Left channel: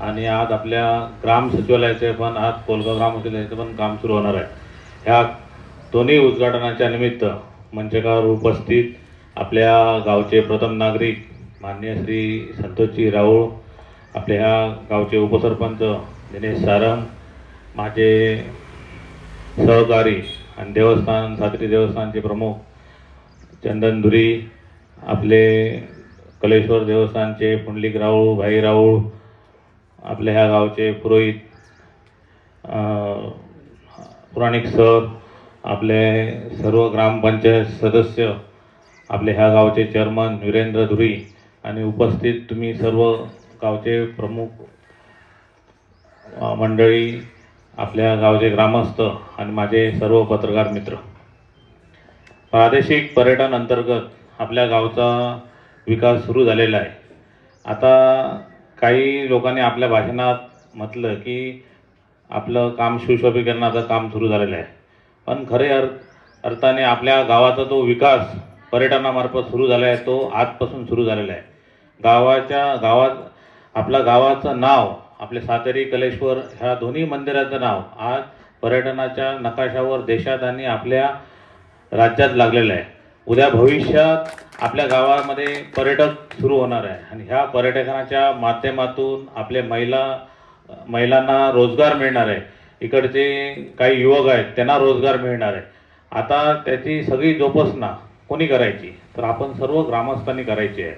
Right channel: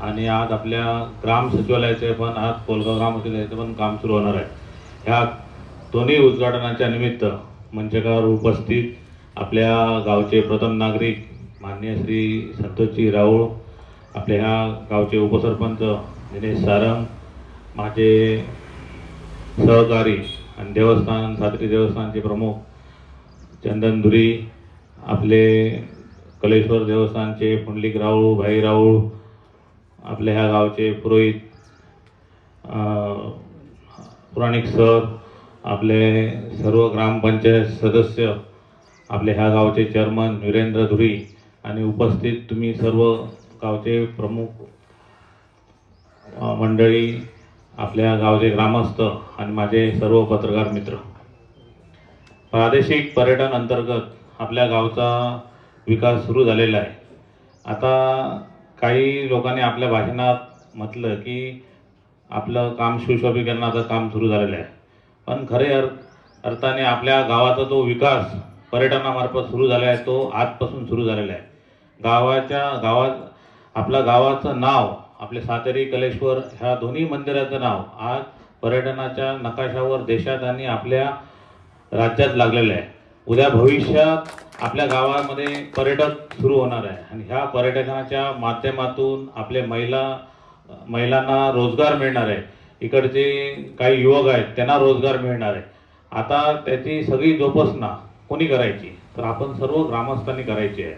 आणि आज आपल्या ग्राम सचिवालयाचे पण आज कोलगाव ग्राम सचिवालयाचं पण काम सुरू होणार आहे। ह्या दोन्ही उद्घाटनाच्या निमित्त मंचकावर उपस्थित आपल्या गावचे प्रथम नागरिक माननीय श्री संतोषजी राऊळ, आपल्या ह्या गावचे उपसरपंच दिनेश सारंग, माझे सहकारी आणि देवस्थान सात्री देवस्थानचे प्रमुख चंदन धुरी, आपले कलेश्वर देवस्थानचे पुंडलिक राऊळ, भाई राऊळ, आपल्या ह्या गावचे पुरोहित पुराणिक सर, आपले सर्व ग्रामपंचायत सदस्य, आपले ह्या गावचे चेअरमन वीरेंद्र धुरी आणि उपस्थित तुम्ही सर्व गावचे प्रमुख मंडळी, आपल्या गावचे ग्रामस्थ आणि माझे सर्व पत्रकार मित्र, प्रादेशिक पर्यटन अंतर्गत आपल्या गावचा विकास सुरू झालेला आहे। आता काही लोकांनी आपल्या भाषणात म्हटलं की आपलं काम सुशोभीकरणाचं काम सुरू झालेलं आहे, पण खरे अर्थाने आपल्या गावाचा तो विकास पर्यटनामार्फत सुरू झाला आहे, तो आजपासून सुरू झालेला आहे। गावात आपल्या गावाचं नाव, आपले सातेरी कलेश्वर ह्या दोन्ही मंदिराचं नाव आज पर्यटनाच्या नकाशावर देशात आणि आपल्या राज्यात लागलेलं आहे। उद्या भविष्यात आपल्या गावामध्ये पर्यटक सुरू होणार आहे आणि ह्या पर्यटनाच्या माध्यमातून आपले महिलांना रोजगार मिळणार आहे। इकडचे काही युवक आहेत त्यांना रोजगार मिळणार आहे। आता त्याची सगळी जोपासना कोणी करायची, तर आपण सर्व ग्रामस्थांनी करायची आहे।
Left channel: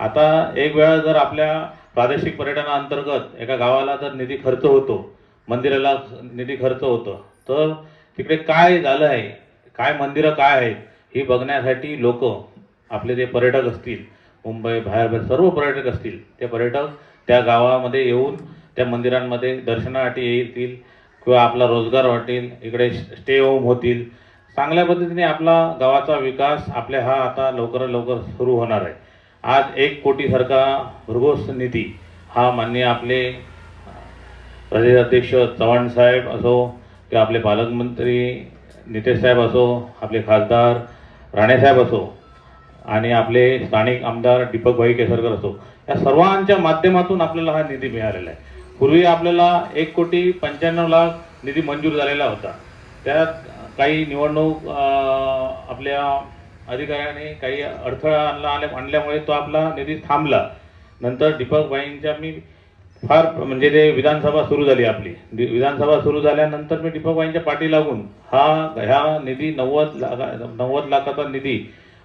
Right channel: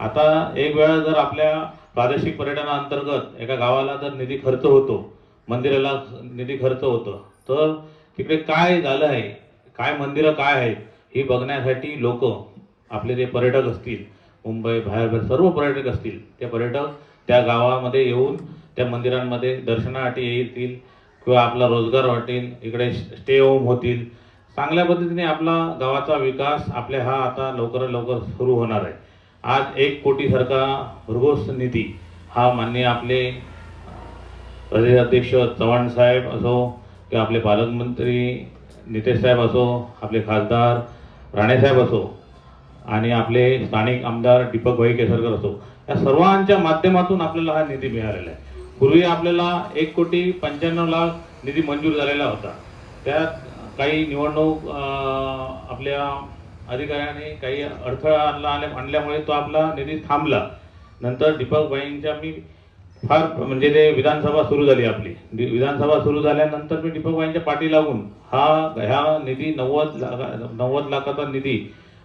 आता एक वेळा जर आपल्या प्रादेशिक पर्यटनाअंतर्गत एका गावाला जर निधी खर्च होतो, मंदिराला निधी खर्च होतो, तर तिकडे काय झालं आहे, काय मंदिरं काय आहेत हे बघण्यासाठी लोक, आपले जे पर्यटक असतील, मुंबई बाहेर सर्व पर्यटक असतील, ते पर्यटक त्या गावामध्ये येऊन त्या मंदिरांमध्ये दर्शनासाठी येतील किंवा आपला रोजगार वाटेल, इकडे स्टे होम होतील। चांगल्या पद्धतीने आपला गावाचा विकास आपल्या हा आता लवकरात लवकर सुरू होणार आहे। आज 1 कोटी सारखा भरघोस निधी हा माननीय आपले प्रदेशाध्यक्ष चव्हाण साहेब असो किंवा आपले पालकमंत्री नितेश साहेब असो, आपले खासदार राणेसाहेब असो आणि आपले स्थानिक आमदार दीपक भाई केसरकर असो, या सर्वांच्या माध्यमातून आपल्याला हा निधी मिळालेला आहे। पूर्वी आपल्याला 1,95,00,000 निधी मंजूर झालेला होता, त्यात काही निवडणूक आपल्या अधिकाऱ्यांनी काही अडथळा आणल्यामुळे तो आपला निधी थांबला। नंतर दीपक भाईंच्या मी फार म्हणजे ते विधानसभा सुरू झाली, आपली विधानसभा सुरू झाल्यानंतर मी दीपक भाईंच्या पाठी लागून ह्या निधी 90 लाखाचा निधी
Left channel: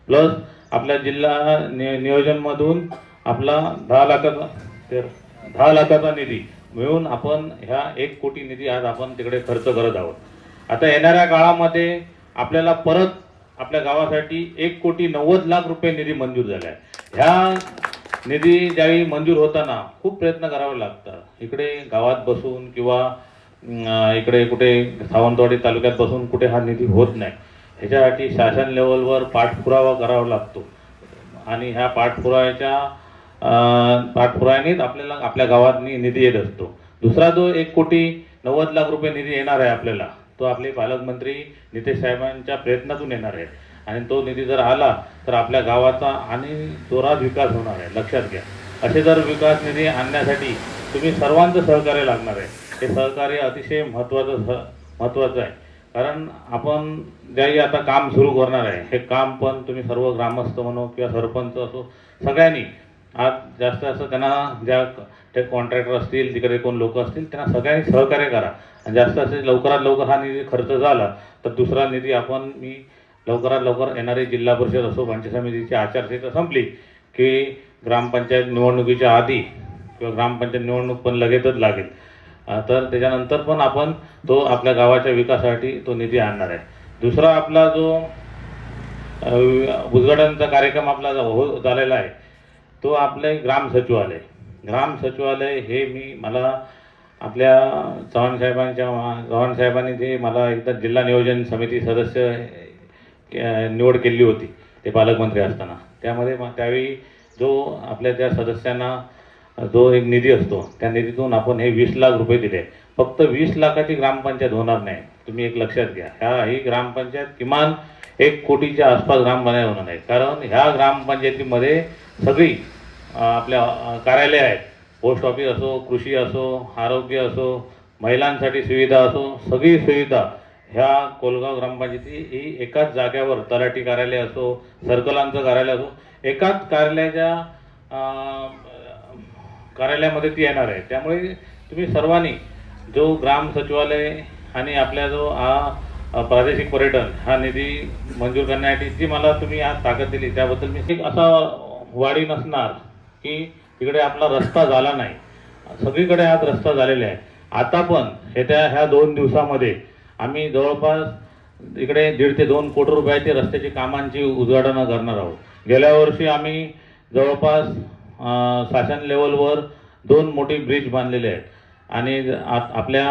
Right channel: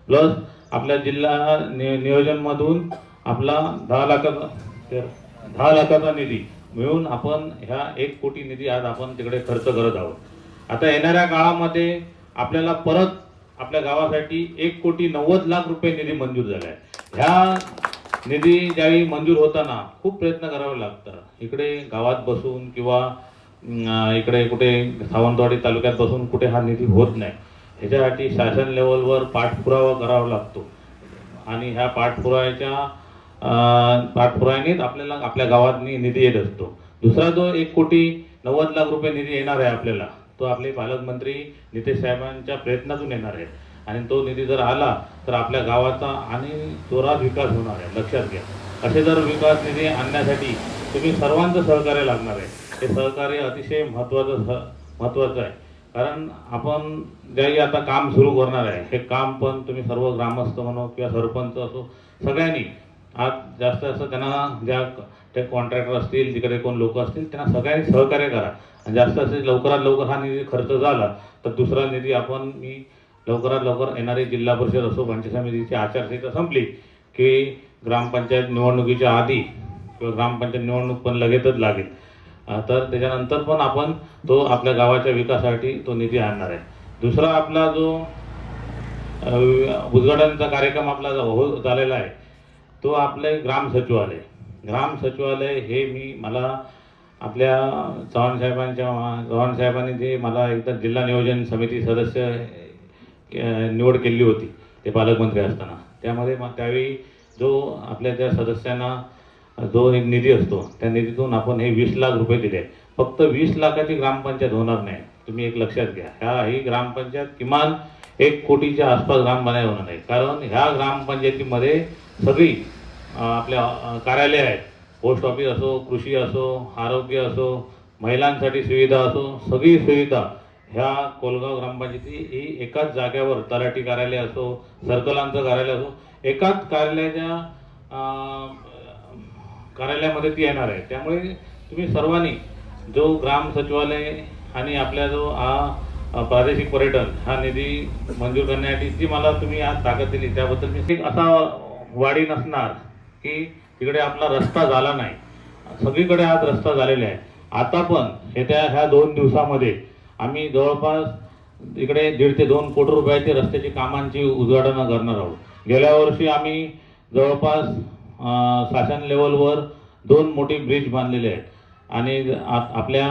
प्लस आपल्या जिल्हा नियोजनमधून आपला 10 लाखाचा निधी मिळून आपण ह्या 1 कोटी निधी आज आपण तिकडे खर्च करत आहोत। आता येणाऱ्या काळामध्ये आपल्याला परत आपल्या गावासाठी 1,90,00,000 रुपये निधी मंजूर झाला आहे। ह्या निधी ज्यावेळी मंजूर होताना खूप प्रयत्न करावे लागतात। इकडे गावात बसून किंवा इकडे कुठे सावंतवाडी तालुक्यात बसून कुठे हा निधी होत नाही। ह्याच्यासाठी शासन लेवलवर पाठपुरावा करावा लागतो आणि ह्या पाठपुराव्यानेच आपल्याला आपल्या गावात निधी येत असतो। दुसरा जो 1,90,00,000 रुपये निधी येणार आहे आपल्याला, तो आपले पालकमंत्री नितेश साहेबांच्या प्रयत्नातून येणार आहे आणि तो निधी जर आला तर आपल्या गावाचा आणि जोरात विकास होणार आहे। लक्षात घ्या, असे जर विकास निधी आणण्यासाठी तुम्ही सर्वांचं सहकार्य लागणार आहे। हे सहकार्य अतिशय महत्त्वाचं आहे, कारण आपण ज्यावेळी आता काम सुरू करणार आहे, हे काम पण तुम्ही सर्व ग्रामस्थ म्हणो किंवा सरपंच असो, सगळ्यांनी आज जास्त त्यांना ज्या ते कॉन्ट्रॅक्टर असतील, तिकडे कोण लोक असतील, त्यांना सगळ्यांनी सहकार्य करा आणि जास्त लवकरात लवकर हा निधी खर्च झाला तर दुसरा निधी आपण लवकरात लवकर येणारी जिल्हा परिषद असो, पंचायत समितीची आचारसंहिता संपली की ग्रामपंचायत निवडणुकीच्या आधी किंवा ग्रामपंचायत निवडणूक पण लगेचच लागेल, तर त्याच्यानंतर पण आपण तो आपल्या गावाच्या विकासासाठी तो निधी आणणार आहे। दुसरा आपला जो उद्घाटनाचा कार्यक्रम आपला झालेला आहे, तो आपले ग्राम सचिवालय हे मला आपल्या चव्हाण साहेबांनी जे मला एकदा जिल्हा नियोजन समिती सदस्य निवड केली होती ते पालकमंत्री असताना, त्यावेळी जो आपल्या त्या सदस्यांना जो एक निधी असतो त्या निधीतून आपण हे 20 लाख रुपये दिले। फक्त 20 लाखाची ग्रामपंचायत होणार नाही, तुम्ही एक लक्षात घ्या, ही ग्रामपंचायत किमान 1 कोटीच्या आसपास ग्रामपंचायत होणार आहे। कारण ह्या ग्रामपंचायतीमध्ये सगळी आपल्या कार्यालय आहेत, पोस्ट ऑफिस असो, कृषी असो, आरोग्य असो, महिलांसाठी सुविधा असो, सगळी सुविधा ह्या कोलगाव ग्रामपंचायती ही एकाच जागेवर, तलाठी कार्यालय असो, सर्कलांचं कार्यालय असो, एकाच कार्यालयामध्ये ती येणार आहे. त्यामुळे तुम्ही सर्वांनी जो ग्राम सचिवालय आणि आपला जो प्रादेशिक पर्यटन हा निधी मंजूर करण्यासाठी जी मला तुम्ही आज ताकद दिली त्याबद्दल मी असा वाढी नसणार की तिकडे आपला रस्ता झाला नाही. सगळीकडे आज रस्ता झालेला आहे. आता पण ह्या 2 दिवसामध्ये आम्ही जवळपास इकडे 1.5 ते 2 कोटी रुपयाची रस्त्याची कामांची उद्घाटन करणार आहोत. गेल्या वर्षी आम्ही जवळपास शासन लेवलवर 2 मोठी ब्रिज बांधलेले आहेत आणि आपल्या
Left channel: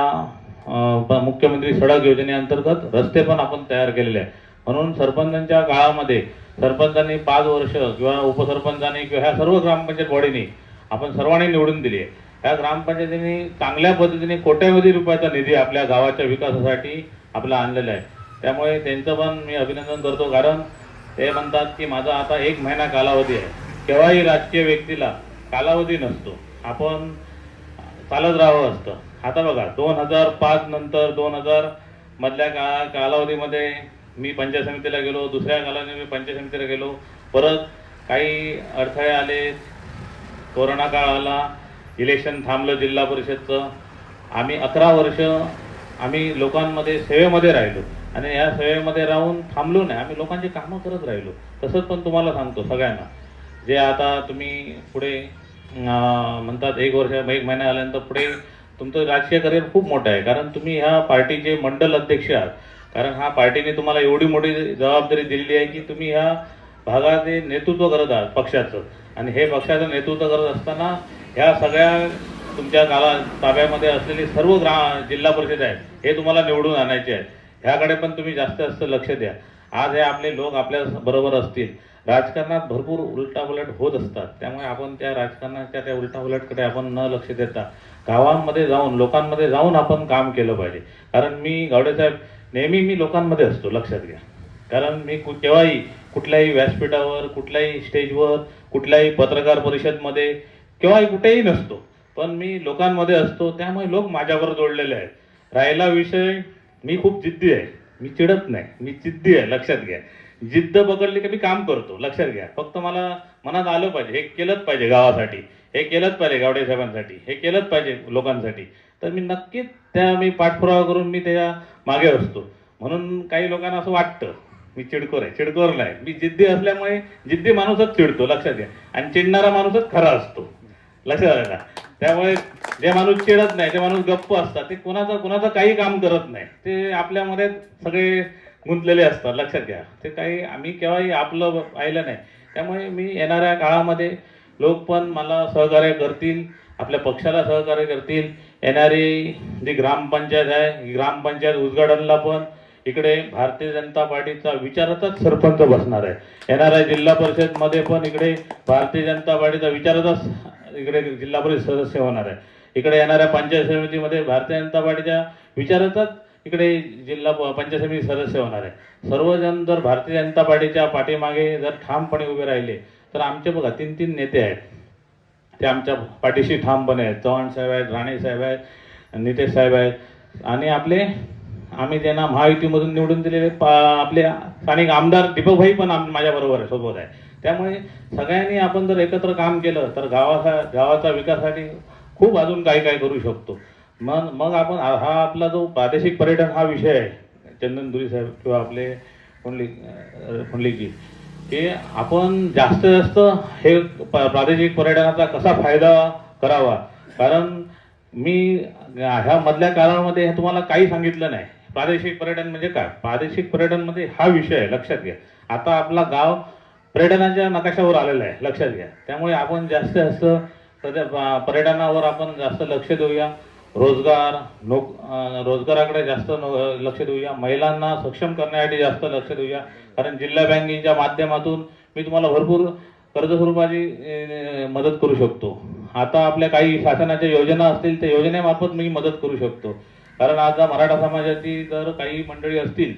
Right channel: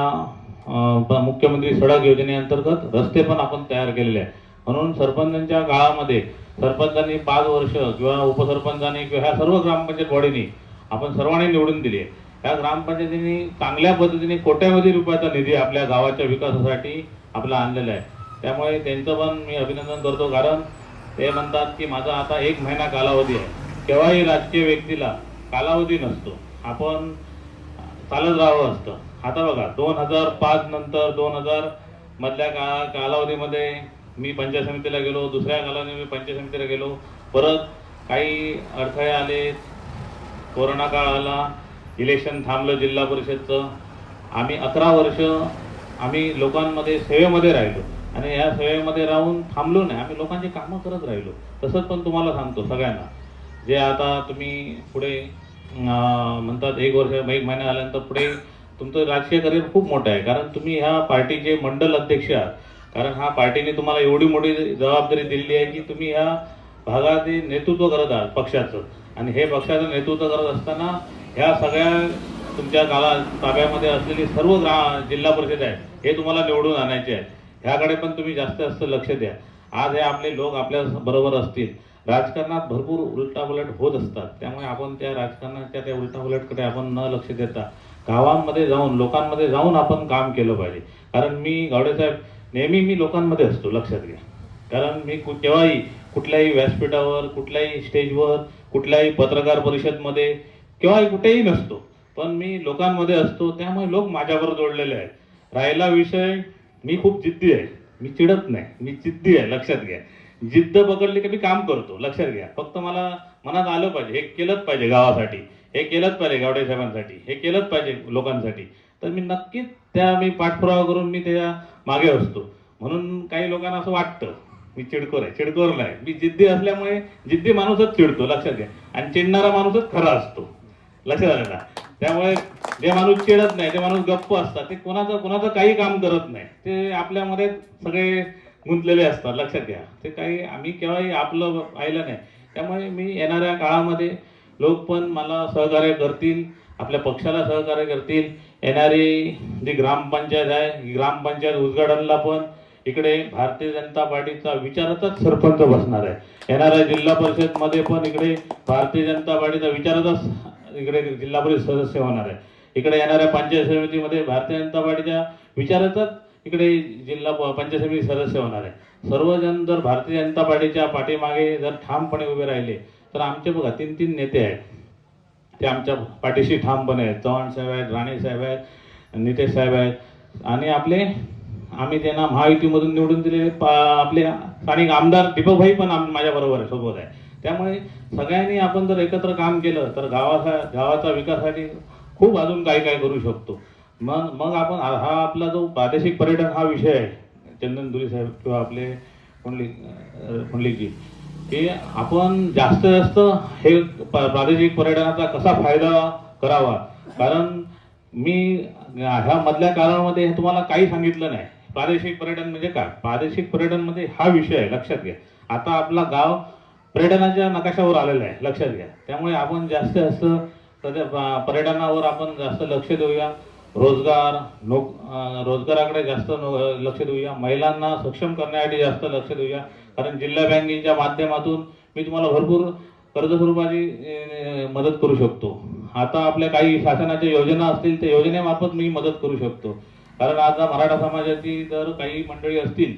मुख्यमंत्री सडक योजनेअंतर्गत रस्ते पण आपण तयार केलेले आहेत. म्हणून सरपंचांच्या काळामध्ये सरपंचांनी 5 वर्ष किंवा उपसरपंचांनी किंवा ह्या सर्व ग्रामपंचायत बॉडीनी आपण सर्वांनी निवडून दिली आहे. ह्या ग्रामपंचायतींनी चांगल्या पद्धतीने कोट्यावधी रुपयाचा निधी आपल्या गावाच्या विकासासाठी आपला आणलेला आहे. त्यामुळे त्यांचं पण मी अभिनंदन करतो, कारण ते म्हणतात की माझा आता 1 महिना कालावधी आहे. केव्हाही राजकीय व्यक्तीला कालावधी नसतो, आपण चालत राहावं असतं. आता बघा 2005 नंतर 2000 मधल्या कालावधीमध्ये मी पंचायत समितीला गेलो, दुसऱ्या कालावधीमध्ये मी पंचायत समितीला गेलो, परत काही अडथळे आले, कोरोना काळ आला, इलेक्शन थांबलं जिल्हा परिषदचं. आम्ही 11 वर्ष आम्ही लोकांमध्ये सेवेमध्ये राहिलो आणि या सेवेमध्ये राहून थांबलो नाही, आम्ही लोकांची कामं करत राहिलो. तसंच पण तुम्हाला सांगतो सगळ्यांना, जे आता तुम्ही पुढे म्हणतात 1 महिना आल्यानंतर पुढे तुमचं राजकीय करिअर खूप मोठं आहे, कारण तुम्ही ह्या पार्टीचे मंडल अध्यक्ष आहात. कारण हा पार्टीने तुम्हाला एवढी मोठी जबाबदारी दिलेली आहे की तुम्ही ह्या भागाचे नेतृत्व करत आहात पक्षाचं, आणि हे पक्षाचं नेतृत्व करत असताना ह्या सगळ्या तुमच्या ताब्यामध्ये असलेली सर्व जिल्हा परिषद आहेत हे तुम्हाला निवडून आणायचे आहेत. ह्याकडे पण तुम्ही जास्त लक्ष द्या. आज हे आपले लोक आपल्या बरोबर असतील. राजकारणात भरपूर उलटापलट होत असतात, त्यामुळे आपण त्या राजकारणाच्या त्या उलटापलटकडे आपण न लक्ष देता गावांमध्ये जाऊन लोकांमध्ये जाऊन आपण काम केलं पाहिजे. कारण मी गावडेसाहेब नेहमी मी लोकांमध्ये असतो, लक्षात घ्या. कारण मी केव्हाही कुठल्याही व्यासपीठावर, कुठल्याही स्टेजवर, कुठल्याही पत्रकार परिषदमध्ये केव्हाही कुठेही नसतो, पण मी लोकांमध्ये असतो. त्यामुळे लोक माझ्याबरोबर जोडलेले आहेत. राहिला विषय, मी खूप जिद्दी आहे, मी चिडत नाही, मी जिद्दी आहे, लक्षात घ्या. जिद्द पकडली की मी काम करतो, लक्षात घ्या. फक्त मला मनात आलं पाहिजे, हे केलंच पाहिजे गावासाठी, हे केलंच पाहिजे गावडे साहेबांसाठी, हे केलंच पाहिजे लोकांसाठी, तर मी नक्कीच मी पाठपुरावा करून मी त्या मागे असतो. म्हणून काही लोकांना असं वाटतं मी चिडखोर आहे, चिडखोर नाही. मी जिद्दी असल्यामुळे जिद्दी माणूसच चिडतो, लक्षात घ्या. आणि चिडणारा माणूसच खरा असतो, लक्षात आलं. त्यामुळे जे माणूस चिडत नाही, ते माणूस गप्प असतात, ते कोणाचं काही काम करत नाही, ते आपल्यामध्ये सगळे गुंतलेले असतात, लक्षात घ्या. ते काही आम्ही केव्हाही आपलं पाहिलं नाही. त्यामुळे मी येणाऱ्या काळामध्ये लोक पण मला सहकार्य करतील, आपल्या पक्षाला सहकार्य करतील. येणारी जी ग्रामपंचायत आहे, ग्रामपंचायत उद्घाटनला पण इकडे भारतीय जनता पार्टीचा विचाराचाच सरपंच बसणार आहे. येणाऱ्या जिल्हा परिषदमध्ये पण इकडे भारतीय जनता पार्टीचा विचाराचाच इकडे जिल्हा परिषद सदस्य होणार आहे. इकडे येणाऱ्या पंचायत समितीमध्ये भारतीय जनता पार्टीच्या विचाराचाच इकडे जिल्हा पंचायत समिती सदस्य होणार आहे. सर्वजण जर भारतीय जनता पार्टीच्या पाठीमागे जर ठामपणे उभे राहिले तर आमचे बघा 3 नेते आहेत, ते आमच्या पाठीशी ठामपणे आहेत. चव्हाण साहेब आहेत, राणे साहेब आहेत, नितेश साहेब आहेत, आणि आम्ही त्यांना महायुतीमधून निवडून दिलेले आपले स्थानिक आमदार दीपकभाई पण माझ्याबरोबर आहे, सोबत आहे. त्यामुळे सगळ्यांनी आपण जर एकत्र काम केलं तर गावाचा विकासासाठी खूप अजून काय करू शकतो. मग आपण हा आपला जो प्रादेशिक पर्यटन हा विषय आहे, चंदन दुरी साहेब किंवा आपले फुंडलीजी, की आपण जास्त हे प्रादेशिक पर्यटनाचा कसा फायदा करावा. कारण मी ह्या मधल्या काळामध्ये तुम्हाला काही सांगितलं नाही. प्रादेशिक पर्यटन म्हणजे काय, प्रादेशिक पर्यटन म्हणजे हा विषय आहे, लक्षात घ्या. आता आपला गाव पर्यटनाच्या नकाशावर आलेला आहे, लक्षात घ्या. त्यामुळे आपण जास्त सध्या पर्यटनावर आपण जास्त लक्ष देऊया. रोजगाराकडे जास्त लक्ष देऊया. महिलांना सक्षम करण्यासाठी जास्त लक्ष देऊया. कारण जिल्हा बँकेच्या माध्यमातून मी तुम्हाला भरपूर कर्ज स्वरूपाची मदत करू शकतो. आता आपल्या काही शासनाच्या योजना असतील त्या योजनेमार्फत मी मदत करू शकतो. कारण आता मराठा समाजाची जर काही मंडळी असतील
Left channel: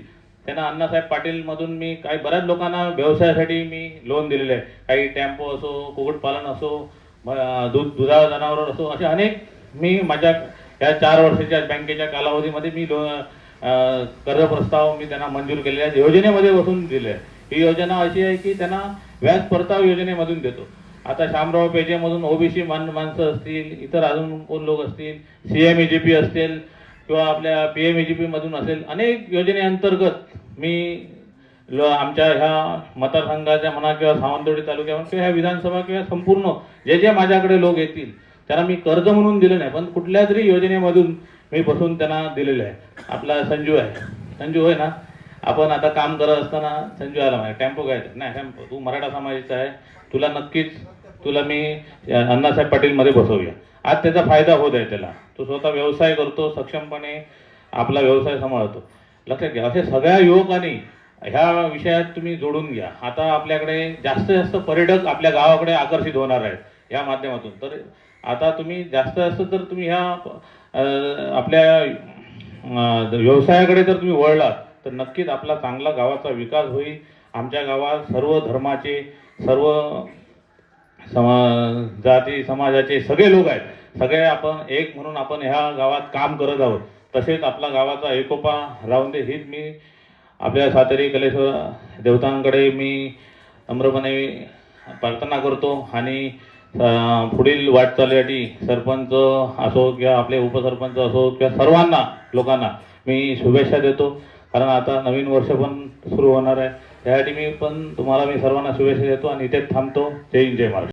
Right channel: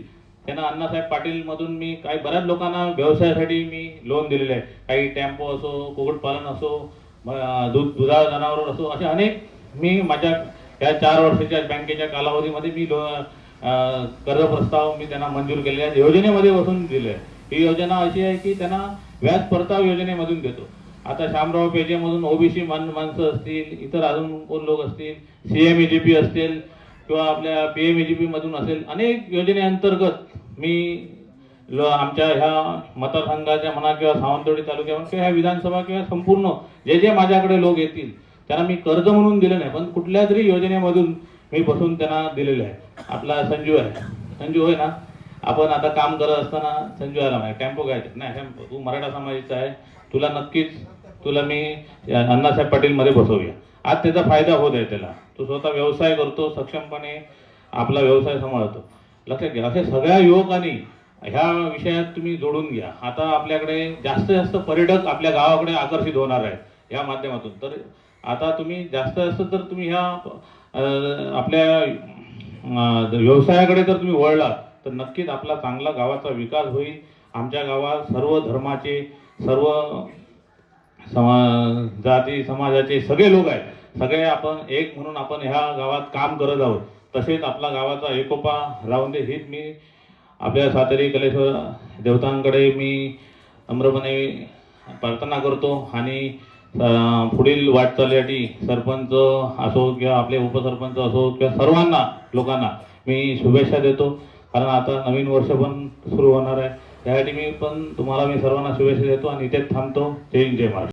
त्यांना अण्णासाहेब पाटील मधून मी काही बऱ्याच लोकांना व्यवसायासाठी मी लोन दिलेलं आहे. काही टेम्पो असो, कुक्कुटपालन असो, दुधाळ जनावर असो, असे अनेक मी माझ्या या 4 वर्षाच्या बँकेच्या कालावधीमध्ये मी कर्ज प्रस्ताव मी त्यांना मंजूर केलेले आहेत, योजनेमध्ये बसून दिले आहे. ही योजना अशी आहे की त्यांना व्याज परताव योजनेमधून देतो. आता शामराव पेजेमधून ओबीसी माणसं असतील, इतर अजून कोण लोक असतील, CMEGP असतील किंवा आपल्या PMEGP मधून असेल, अनेक योजनेअंतर्गत मी आमच्या ह्या मतदारसंघाच्या म्हणा किंवा सावंतवाडी तालुक्यामध्ये किंवा ह्या विधानसभा किंवा संपूर्ण जे जे माझ्याकडे लोक येतील त्यांना मी कर्ज म्हणून दिलं नाही, पण कुठल्या तरी योजनेमधून मी बसून त्यांना दिलेलं आहे. आपला संजू आहे, संजू होय ना, आपण आता काम करत असताना संजू आला म्हणजे टेम्पो काय नाही, टेम्पो तू मराठा समाजाचा आहे, तुला नक्कीच तुला मी अण्णासाहेब पाटीलमध्ये बसवूया. आज त्याचा फायदा होत आहे त्याला, तो स्वतः व्यवसाय करतो, सक्षमपणे आपला व्यवसाय सांभाळतो. लक्षात घ्या, असे सगळ्या युवकांनी ह्या विषयात तुम्ही जोडून घ्या. आता आपल्याकडे जास्तीत जास्त पर्यटक आपल्या गावाकडे आकर्षित होणार आहेत या माध्यमातून. तर आता तुम्ही जास्त तर तुम्ही ह्या आपल्या व्यवसायाकडे जर तुम्ही वळलात तर नक्कीच आपला चांगला गावाचा विकास होईल. आमच्या गावात सर्व धर्माचे, सर्व जाती समाजाचे सगळे लोक आहेत, सगळे आपण एक म्हणून आपण ह्या गावात काम करत आहोत. तसेच आपला गावाचा एकोपा राहून दे हीच मी आपल्या सातेरी कलेश्वर देवतांकडे मी नम्रपणे प्रार्थना करतो. आणि पुढील वाटचालीसाठी सरपंच असो किंवा आपले उपसरपंच असो किंवा सर्वांना लोकांना मी शुभेच्छा देतो. कारण आता नवीन वर्ष पण सुरू होणार आहे, त्यासाठी मी पण तुम्हाला मी सर्वांना शुभेच्छा देतो आणि इथेच थांबतो. जय हिंद, जय महाराष्ट्र.